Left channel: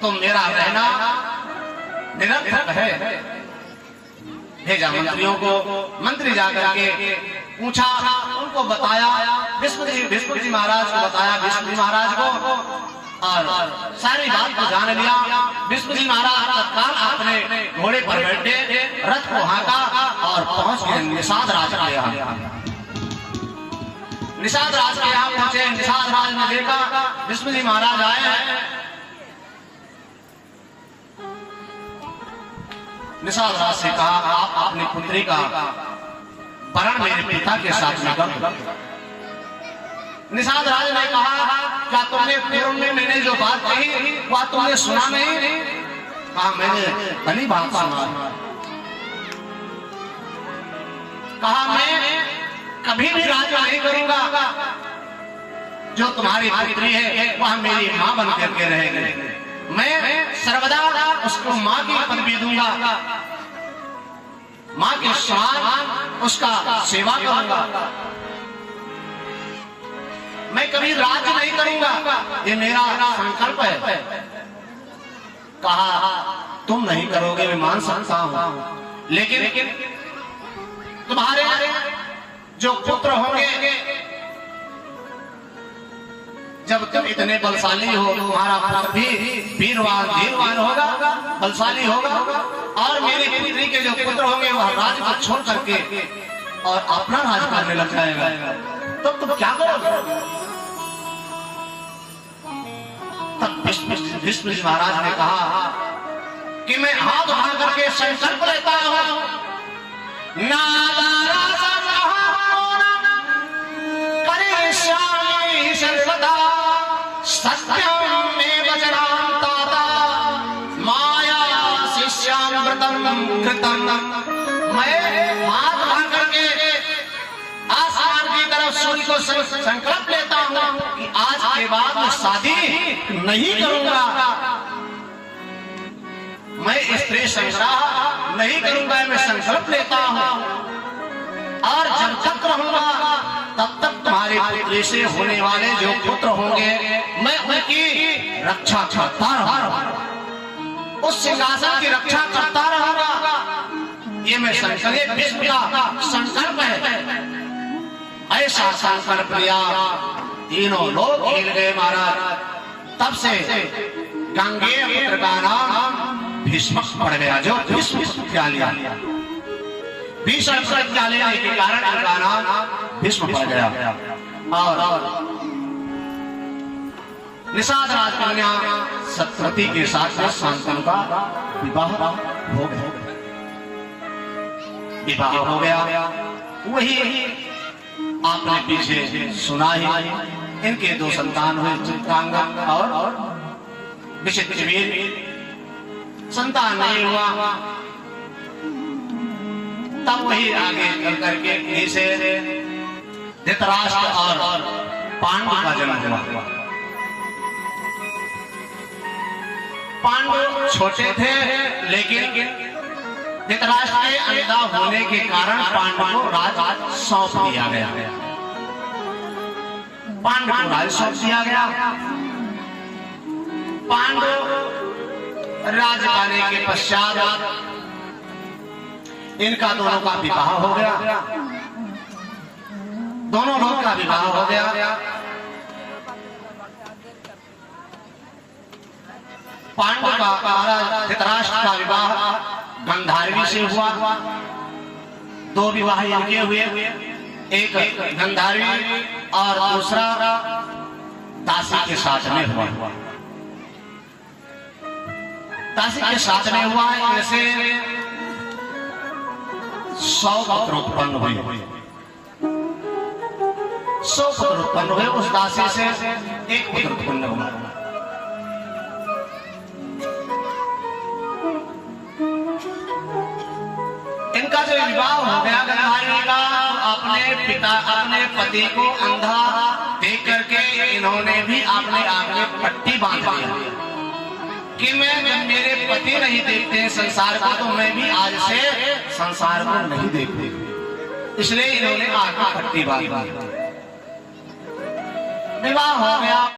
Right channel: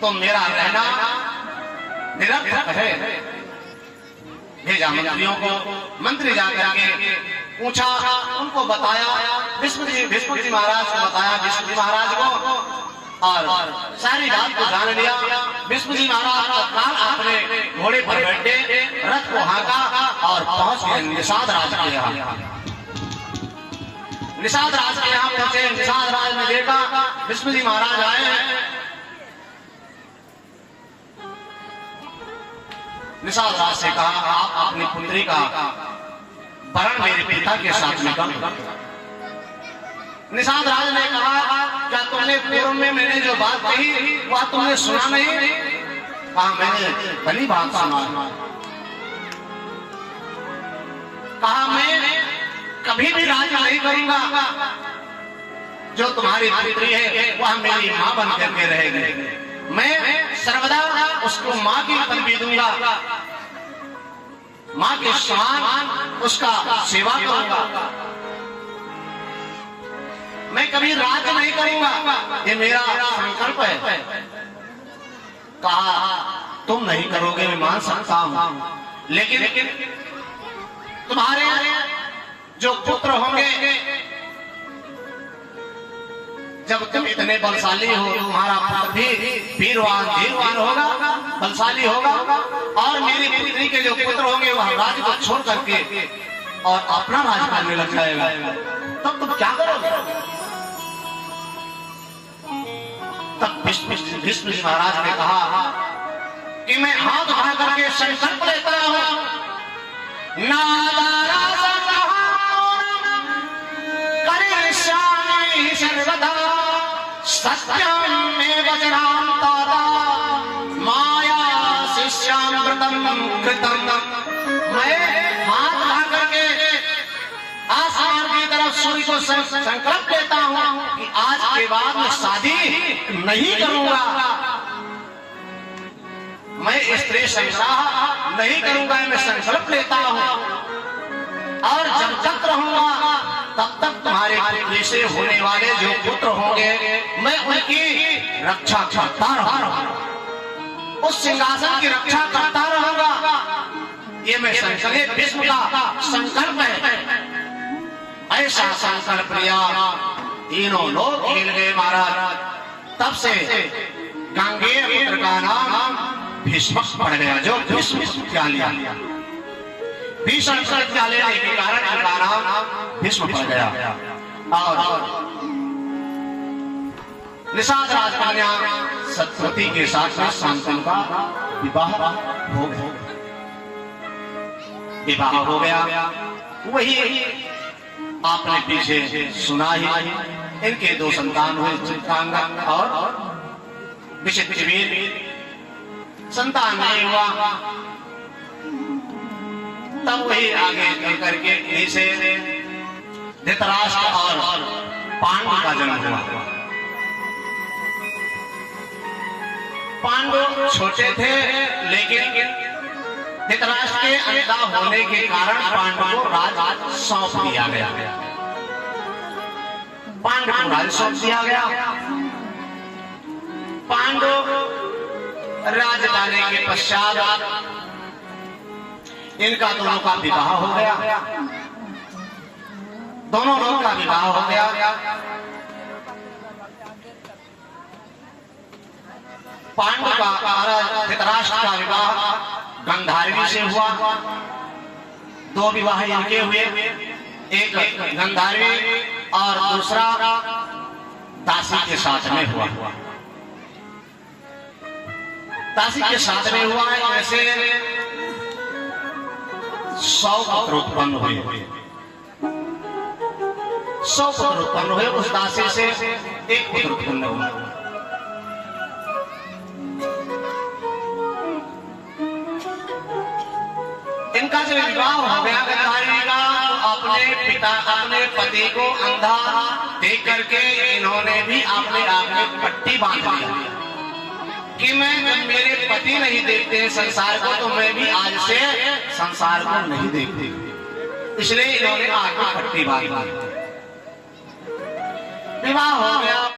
तो मेरा रहना निरर्थक है। भेजा मंत्रियों को, मंत्री जाकर के पूछा, उनको बताया, विष्णु जी महाराज को बताया, विष्णु जी महाराज को, और सारी बात को जान लिया। विष्णु जी महाराज तत्काल अपने घोड़े पर बैठे, रथ को हाँका और पहुंच गए निषाद राज के यहाँ। निषाद राज के यहाँ पहुंचे, निषाद राज ने देखा विष्णु जी महाराज आए हैं। निषाद राज से कहा, आप अपनी पुत्री का वरण मेरे पिता के साथ में कर। निषाद राज ने कहा, क्या तुमने पूर्व में मैंने जो बात कही वह तुमने सुना नहीं? कहा, मैंने भली बात सुना। कहा, मैं कभी भी राज्य नहीं करूंगा। जो तुम्हारी पुत्री है वह मेरी मां बन करके रहेगी। मैं सर्वदा उसको मां की पदवी दूंगा, मां के समान उसका सेवा करूंगा। मैं कभी राज्य नहीं करूंगा, ये मेरा संकल्प है। कहा, तुम नहीं करोगे मैं मान सकता हूं, लेकिन तुम्हारे जो पुत्र होंगे, जब तुम इतने बलशाली हो, तुम्हारा पुत्र भी वीरवान धीरवान होगा, बलशाली होगा, और मेरी पुत्री के जो पुत्र होंगे वह राज्य को छोड़ करके और अपना राज करने लग जाएगा, तब तुम क्या करोगे? तब विष्णु जी महाराज ने कहा कि मैं हाथ उठा करके संकल्प लेता हूं, सर्वदा सत्यम में वज्रांता माया शिष्यामृतम कृतम। मैं हाथ उठा करके आसमान की तरफ सूर्य को संकल्प लेता हूं कि आज के बाद मैं शादी नहीं करूंगा, मैं स्त्री संग्रह नहीं करूंगा, मैं संकल्प लेता हूं, और जब तक रहूंगा तब तक तुम्हारे पुत्री से होने वाले जो पुत्र होंगे मैं उनकी रक्षा करता रहूंगा, उस सिंहासन की रक्षा करता रहूंगा। ये मैं संकल्प, विष्णु का संकल्प है। ऐसा संकल्प लिया, तीनों लोग खेल गए महाराज। तब से गांगेय पुत्र का नाम भीष्म पड़ गया, जो भीष्म विश्वविद्यालय भीष्म विश्वविद्यालय के कारण इनका नाम भीष्म पड़ गया। और निषाद राजकन्या सत्यवती के साथ में शांतनु का विवाह हो गया। विवाह हो गया, वही आपने पीछे सुना ही। इनके दो संतान हुए, चित्रांगद और विचित्रवीर। संतान नहीं हुआ, तब वही आगे चल करके नीचे धृतराष्ट्र और पांडु का जन्म हुआ। पांडु छोटे थे, लेकिन धृतराष्ट्र के अंधा होने के कारण पांडु को राज सौंप दिया गया। पांडु को राज सौंप दिया गया। पांडु राज आने के पश्चात इनका दोनों का विवाह हो गया। दोनों लोगों का विवाह हो गया। पांडु का महाराज धृतराष्ट्र का विवाह गंधारिणी से हुआ। दो विवाह इनके हुए, एक गंधारिणी और दूसरा दासी के साथ में हुआ। दासी के साथ में हुआ, ऐसे 100 पुत्र उत्पन्न हुए। 100 पुत्र उत्पन्न हुए। उस दासी से एक पुत्र उत्पन्न हुआ। इनका जो विवाह हो गया गंधारिणी का, तो अपने पति को अंधा देख करके इन्होंने भी अपने आप में पट्टी बांध ली कि मैं जब मेरे पति नहीं देखते हैं संसार को, तो मैं भी आज से संसार को नहीं देखती। इसलिए इन्होंने आग में पट्टी बांध ली। विवाह हो गया।